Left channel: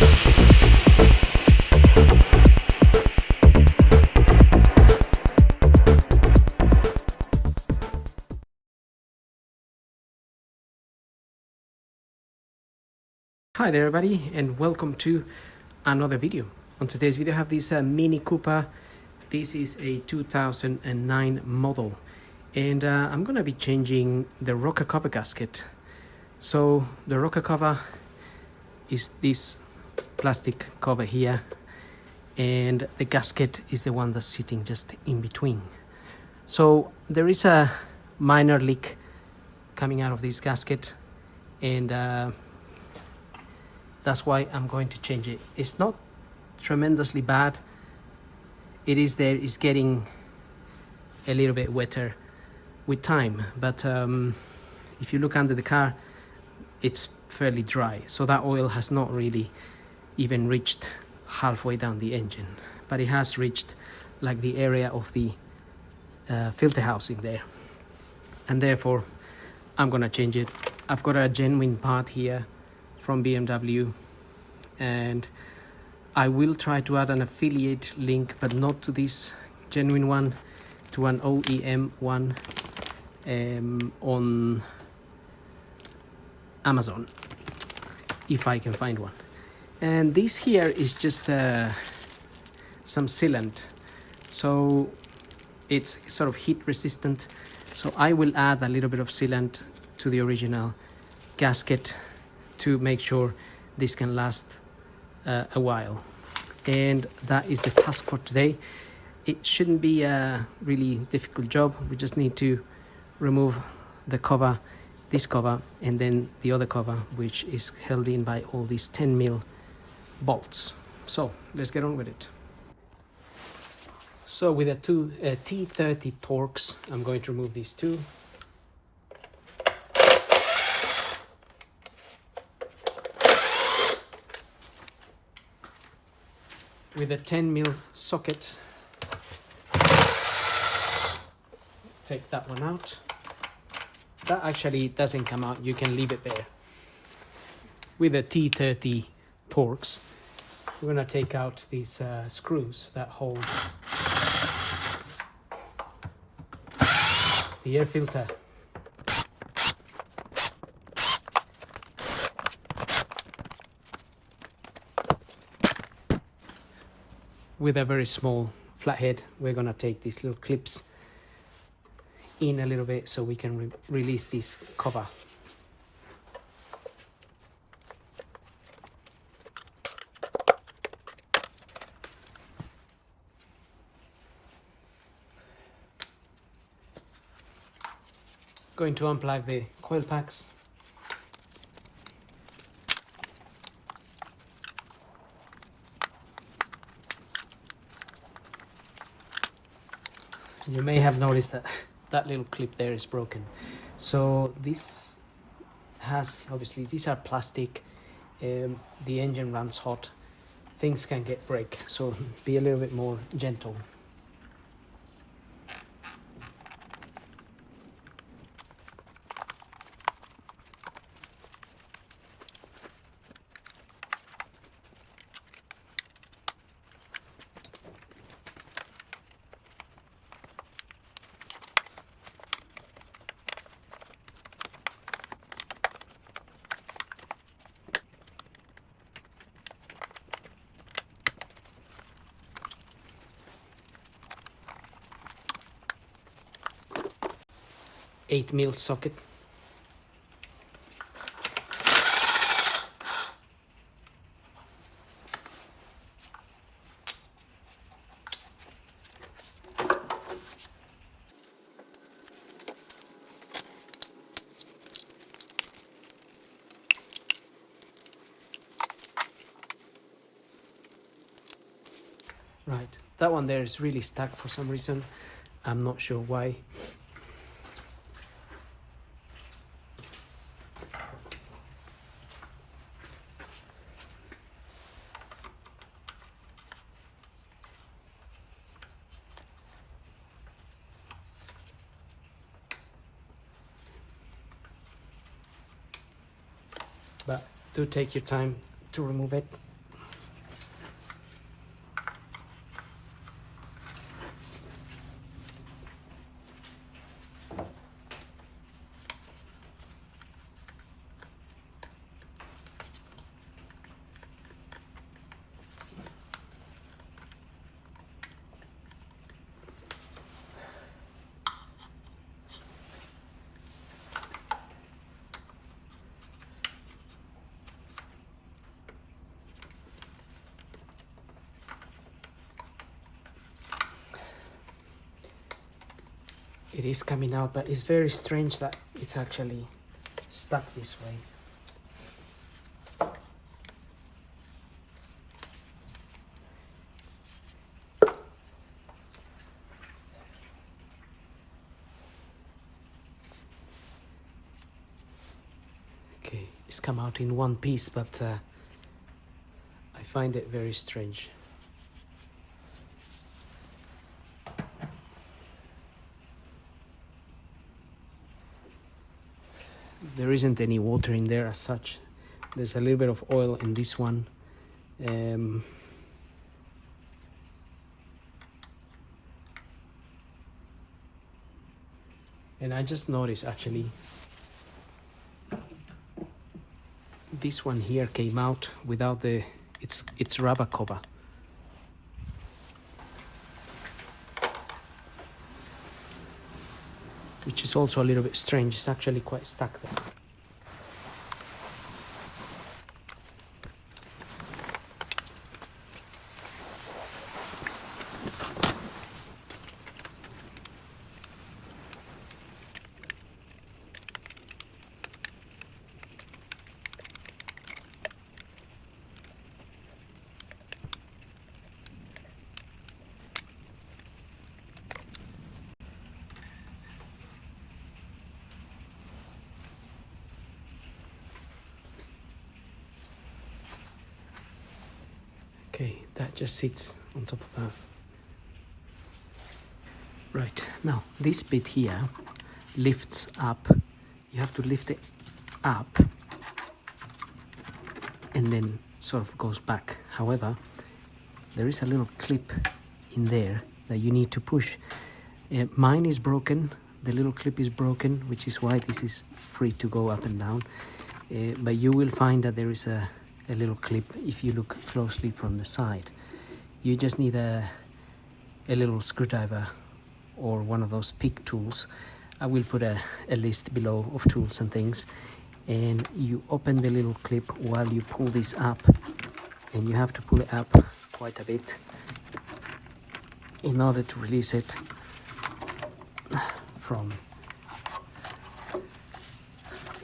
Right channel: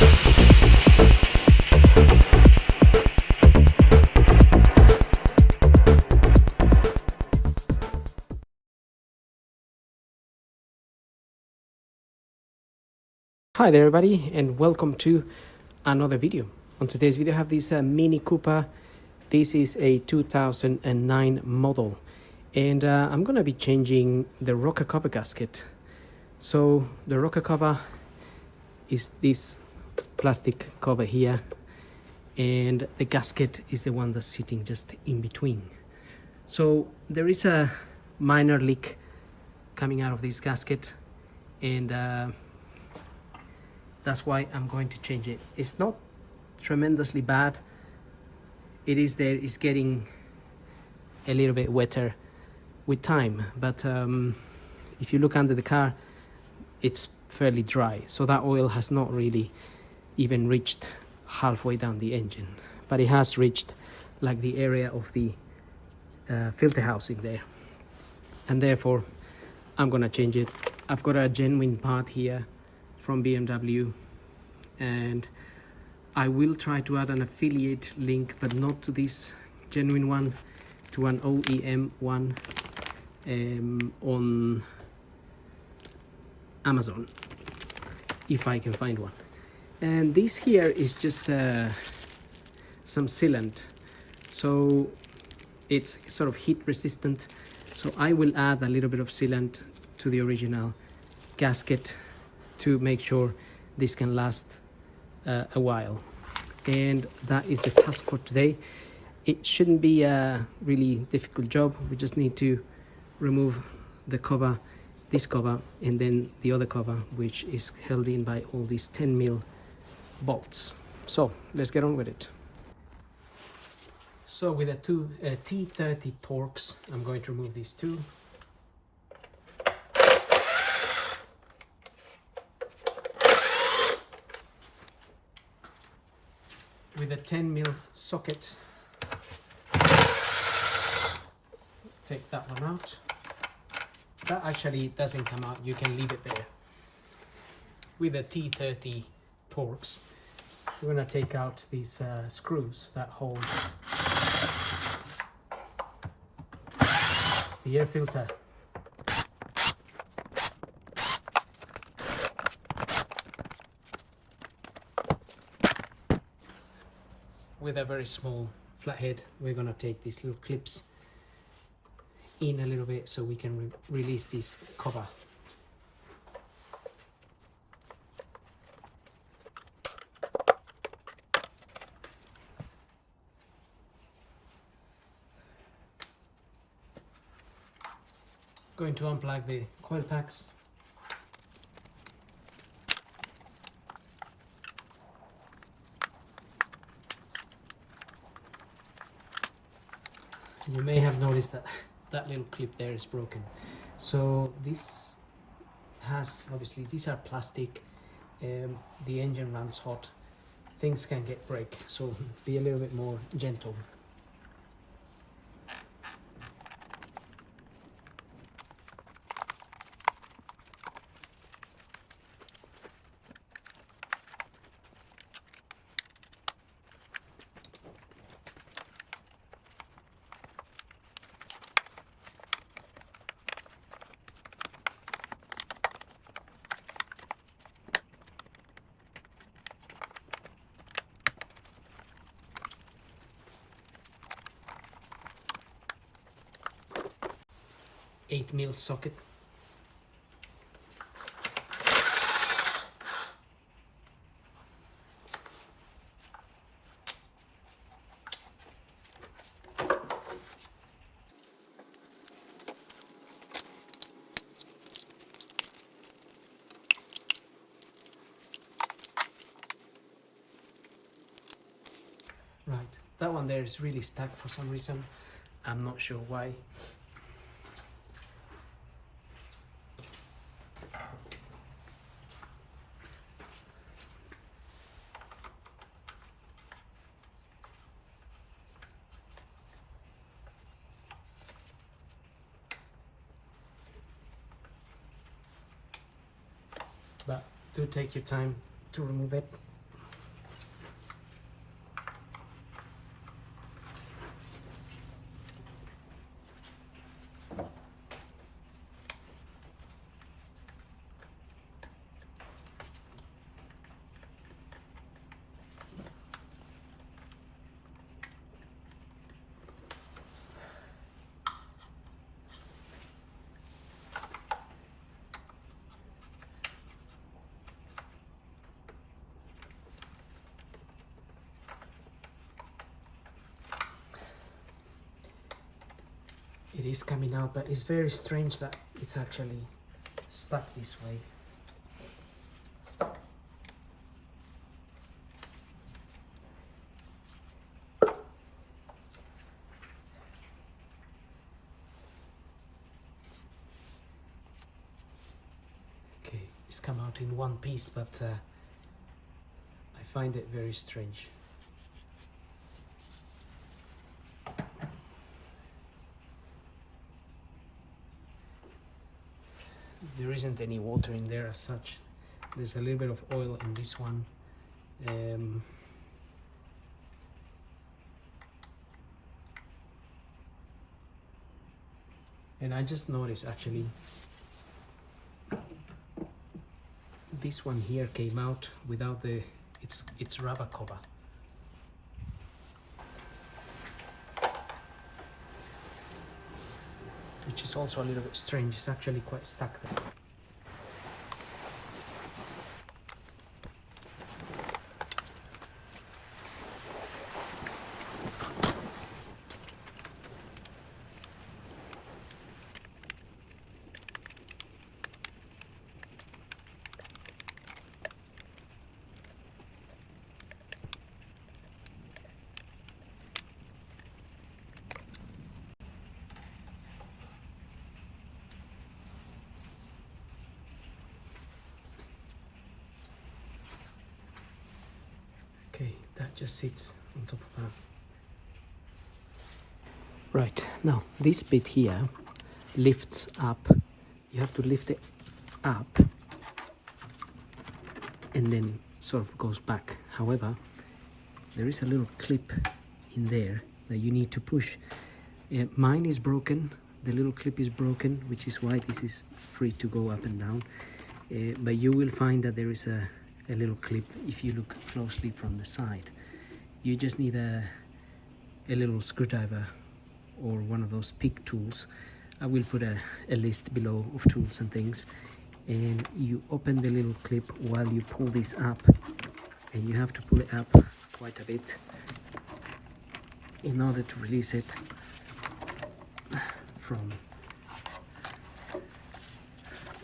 Hi there everybody, and welcome to another video. On today's video I have this Mini Cooper. This is a 2009 model, and I'm gonna be changing the rocker cover gasket. So the rocker cover is this plastic cover here, and the gasket is the one that's sitting just in between. So there is a minor leak coming out of this gasket, and that's why I'm going to change it. It's not tremendously bad. It is there, it's getting a little bit wetter with time, but if you look under the car, it's fairly dry. So that oil has not really even reached halfway down the engine, but it has reached like the area of the filter housing there. And therefore, I'm gonna change it. I've got a genuine part here from BMW, and I will try to add an affiliate link, but not to this genuine one, to an OEM one on Amazon, if I can find one. And this here is just some sealant, so it's sort of heat resistant. So I will add a little bit of sealant to the original gasket to make sure this can last a while. And that is the task for today. It shouldn't be a really difficult job. We just need to remove the cover, this cover, and then the other cover, which is held in by all these 10mm bolts. So let's get on with it. So with a T30 Torx, I'm going to remove these two. With a 10mm socket, take that one out. That actually doesn't come out, you can leave it there. With a T30 Torx, we're going to take out these screws that hold the air filter. With a very small flathead, we're going to take these little clips in a little bit so we can release this cover. Going to unplug the coil packs. You may have noticed that that little clip there is broken. So this has, obviously these are plastic, the engine runs hot, things can break, so be a little bit more gentle. $8mm socket. Right, that one there is really stuck for some reason. I'm not sure why. But do take your time to remove it. It is coming out, but it's very strange that it's actually stuck this way. Okay, it's come out in one piece, but I find it very strange. There isn't any water in there as such. There's a little bit of oil in this one. And I just noticed actually this one here came out without the its rubber cover. Which is also a little bit strange. It's actually quite stuck there. Okay, that just sits on top of that. Right, now this bit here lifts up. You have to lift it up and then sort of goes back. However, there is a little clip in there that you need to push. Mine is broken. The little clip is broken, which is why this is free to go up and down. But you will find that there is a little clip if you look closely from the side. You just need a little screwdriver or one of those pick tools. I will put a list below of tools and things, and you open the little clip while you pull this up, and you have to pull it up quite a bit in order to release it from,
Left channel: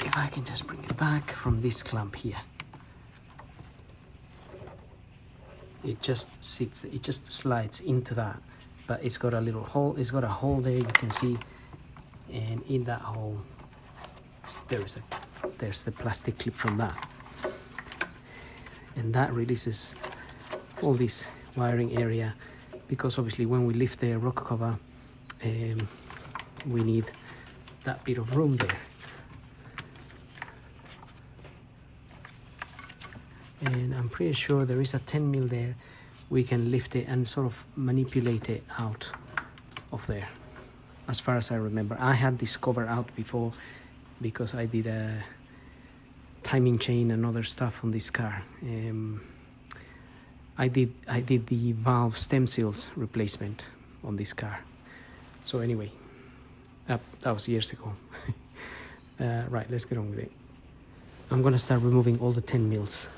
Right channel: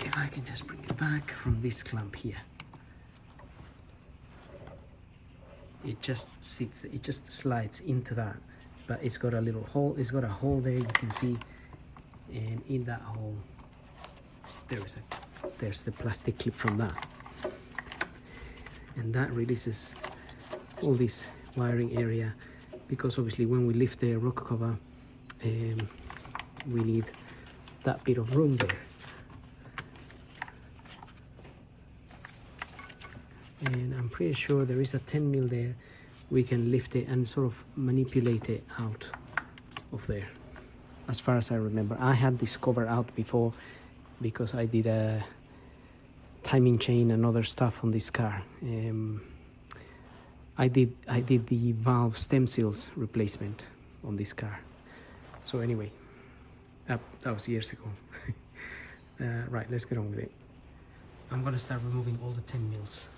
if I can just bring it back from this clamp here. It just sits, it just slides into that, but it's got a little hole. It's got a hole there, you can see, and in that hole there's the plastic clip from that, and that releases all this wiring area, because obviously when we lift the rock cover, we need that bit of room there. And I'm pretty sure there is a 10 mil there. We can lift it and sort of manipulate it out of there, as far as I remember. I had this cover out before because I did a timing chain and other stuff on this car. I did the valve stem seals replacement on this car. So anyway, that was years ago. Right, let's get on with it. I'm gonna start removing all the 10 mils.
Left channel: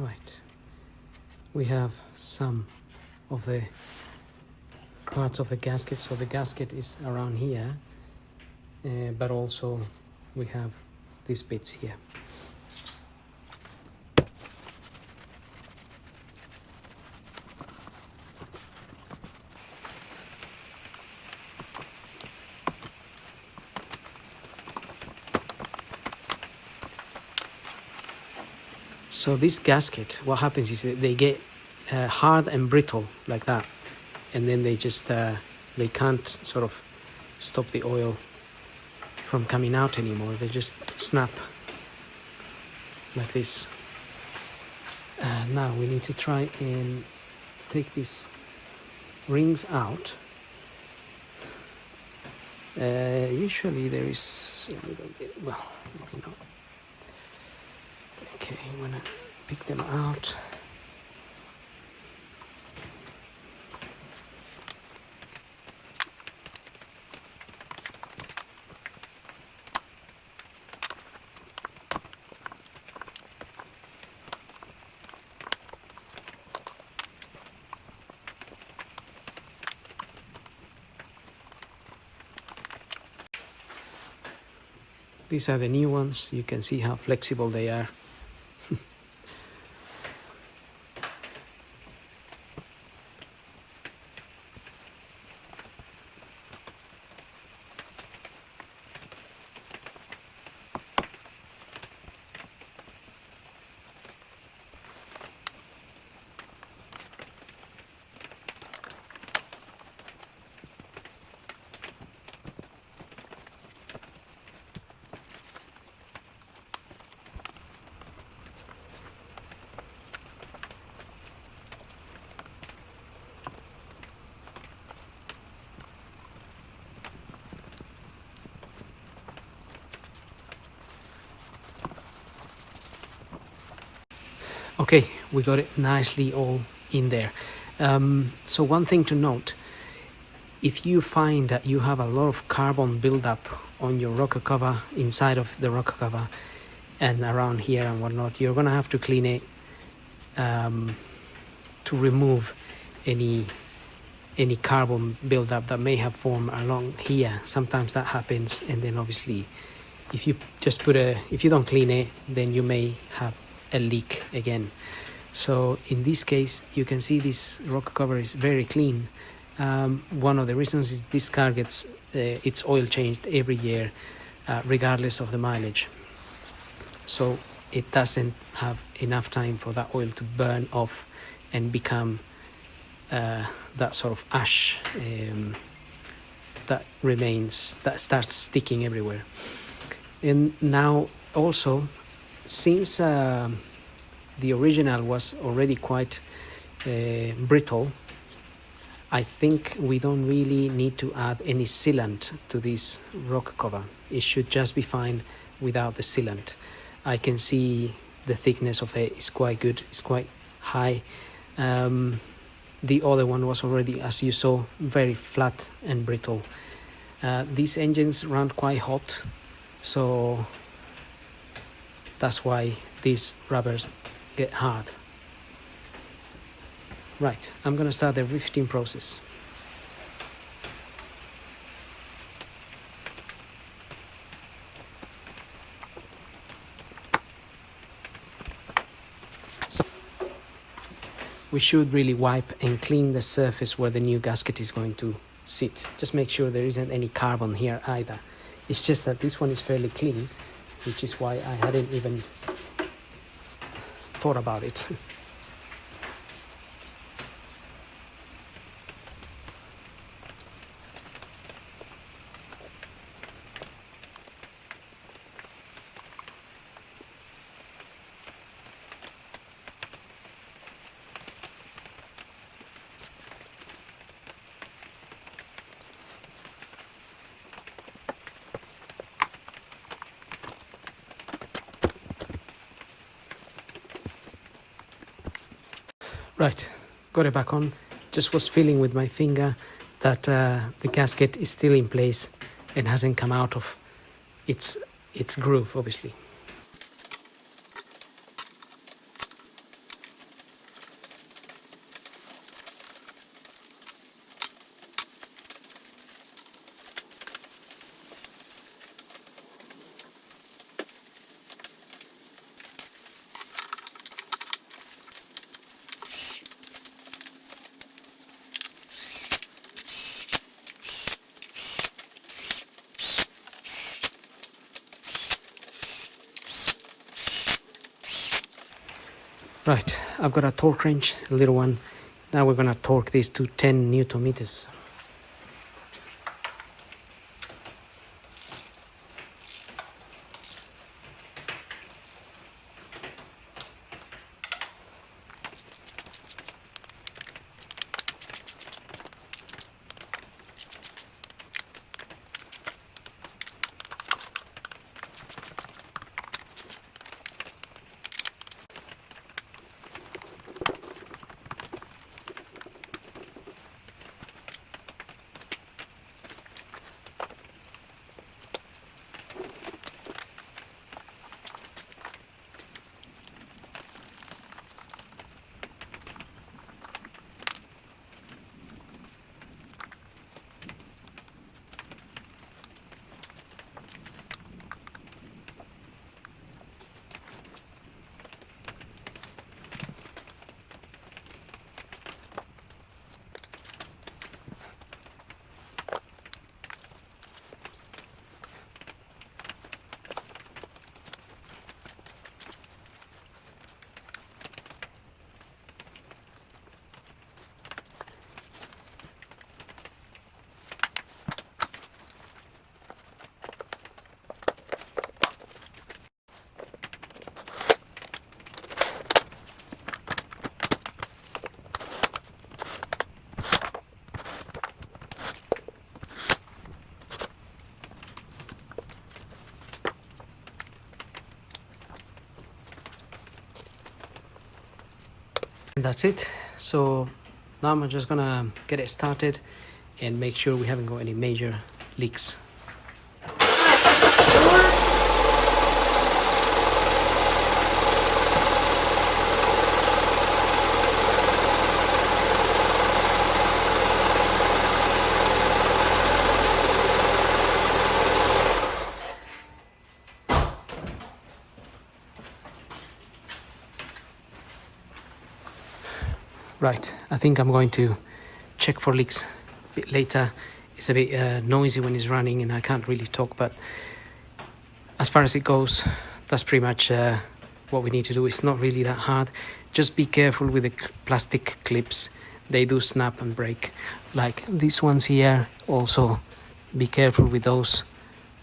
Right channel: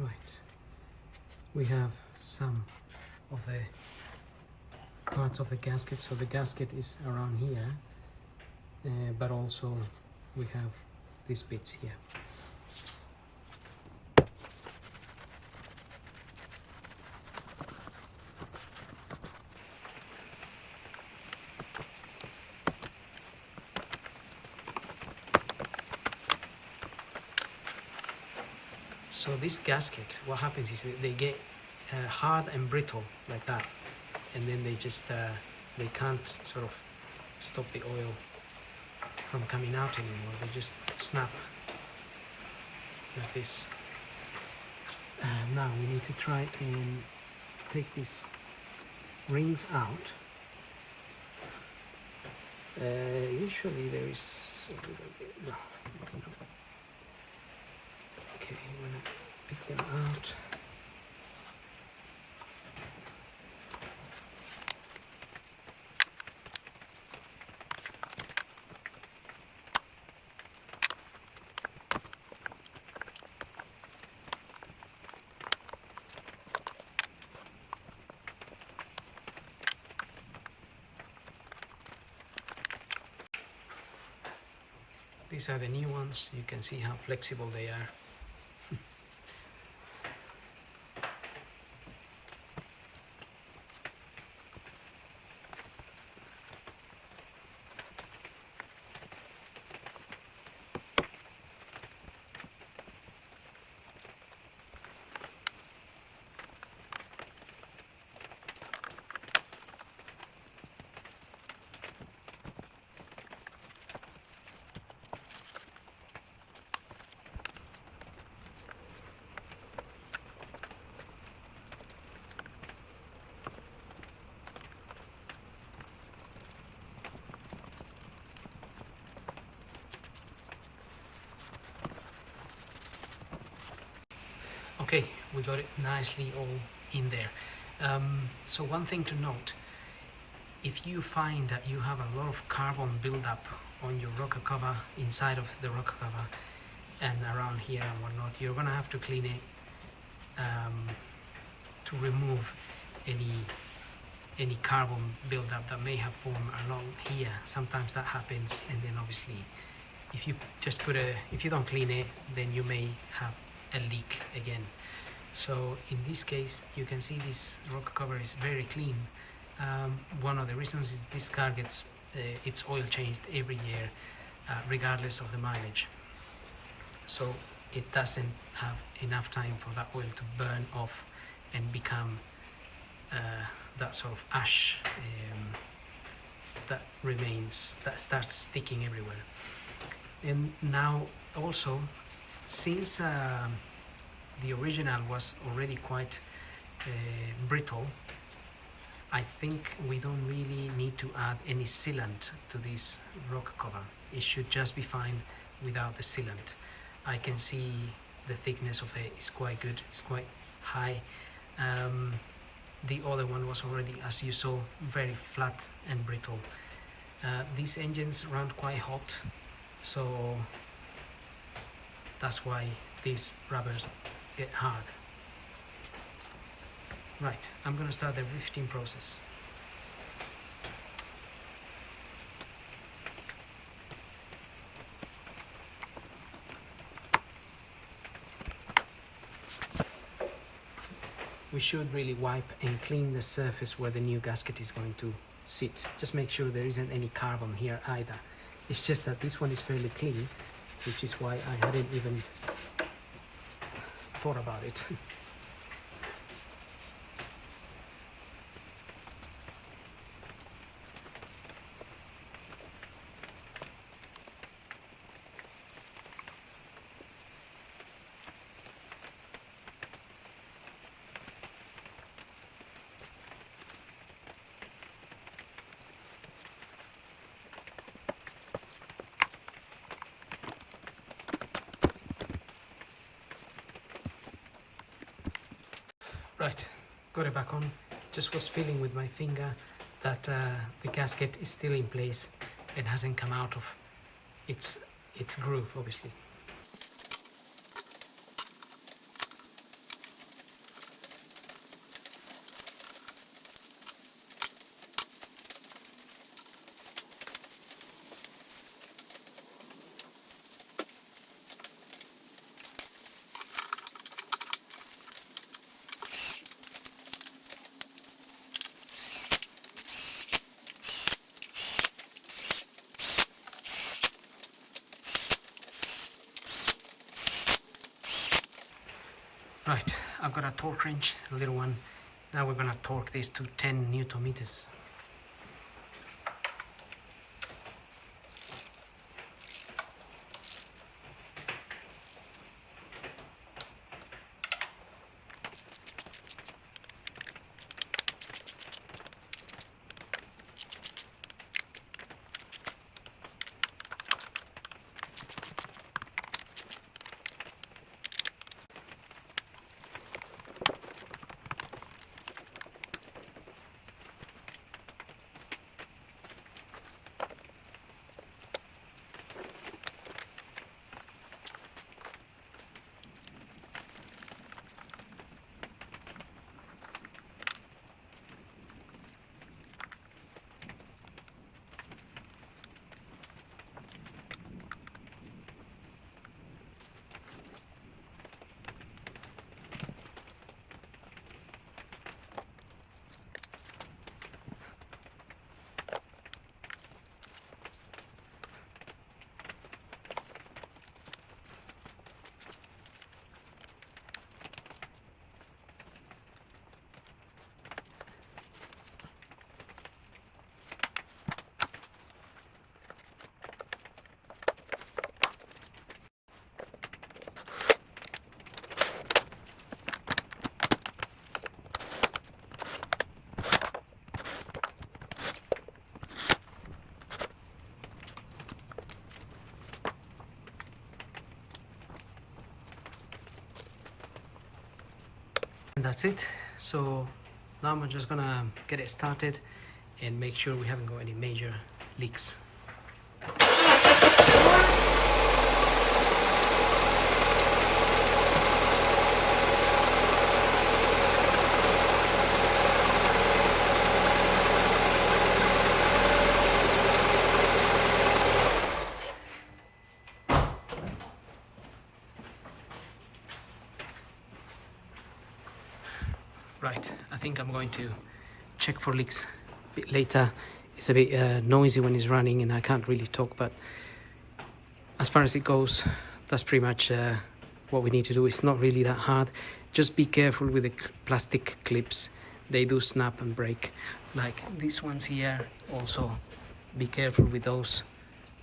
Right, we have some of the parts of the gasket. So the gasket is around here, but also we have these bits here. So this gasket, what happens is that they get hard and brittle like that, and then they just they can't sort of stop the oil from coming out anymore. They just snap like this. Now we need to try and take these rings out. Usually there is a little bit, well, you know. Okay, I'm gonna pick them out. These are the new ones. You can see how flexible they are. Okay, we got it nicely all in there. So one thing to note, if you find that you have a lot of carbon buildup on your rocker cover, inside of the rocker cover and around here and whatnot, you're gonna have to clean it to remove any carbon buildup that may have formed along here. Sometimes that happens, and then obviously if you just if you don't clean it, then you may have a leak again. So in this case, you can see this rocker cover is very clean. One of the reasons is this car gets its oil changed every year, regardless of the mileage. So it doesn't have enough time for that oil to burn off and become that sort of ash that remains, that starts sticking everywhere. And now also, since the original was already quite brittle, I think we don't really need to add any sealant to this rocker cover. It should just be fine without the sealant. I can see the thickness of it is quite good, it's quite high. The other one was already, as you saw, very flat and brittle. These engines run quite hot, so that's why these rubbers get hard. Right, I'm gonna start the rifting process. We should really wipe and clean the surface where the new gasket is going to sit. Just make sure there isn't any carbon here either. It's just that this one is fairly clean, which is why I hadn't even thought about it. Right, got it back on. Just was feeling with my finger that the gasket is still in place and hasn't come out of its groove, obviously. Right, I've got a torque wrench, a little one. Now we're gonna torque this to 10 Newton meters. And that's it. So now I'm just gonna get it started and make sure we haven't got any major leaks. Right, I think I'm going to check for leaks a bit later. It's a bit noisy when it's running and I can't really talk, but as far as it goes, that's pretty much what we need to do. It's not really that hard. Just be careful with the plastic clips. They do snap and break. Like these ones here, also be careful with those.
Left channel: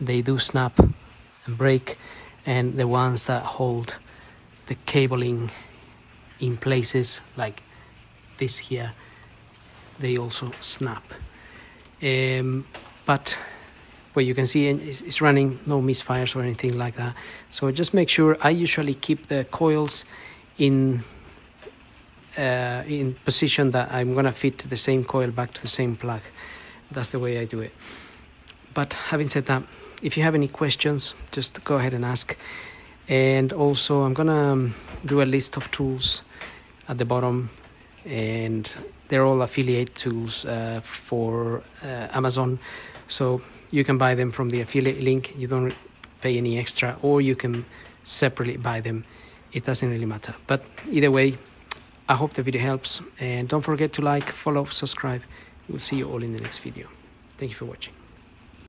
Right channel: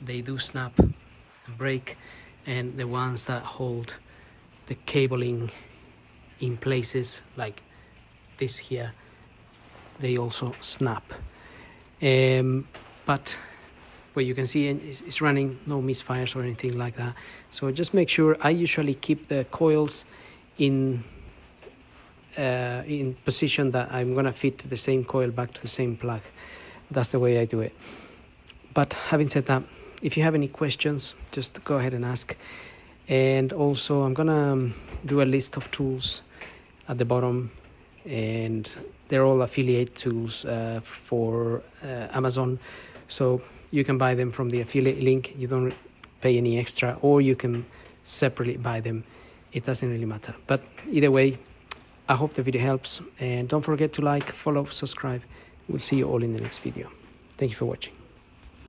They do snap and break. And the ones that hold the cabling in places like this here, they also snap. But what you can see it's running, no misfires or anything like that. So just make sure. I usually keep the coils in position that I'm gonna fit the same coil back to the same plug. That's the way I do it. But having said that, if you have any questions, just go ahead and ask. And also I'm gonna do a list of tools at the bottom, and they're all affiliate tools for Amazon, so you can buy them from the affiliate link. You don't pay any extra, or you can separately buy them. It doesn't really matter, but either way, I hope the video helps, and don't forget to like, follow, subscribe. We'll see you all in the next video. Thank you for watching.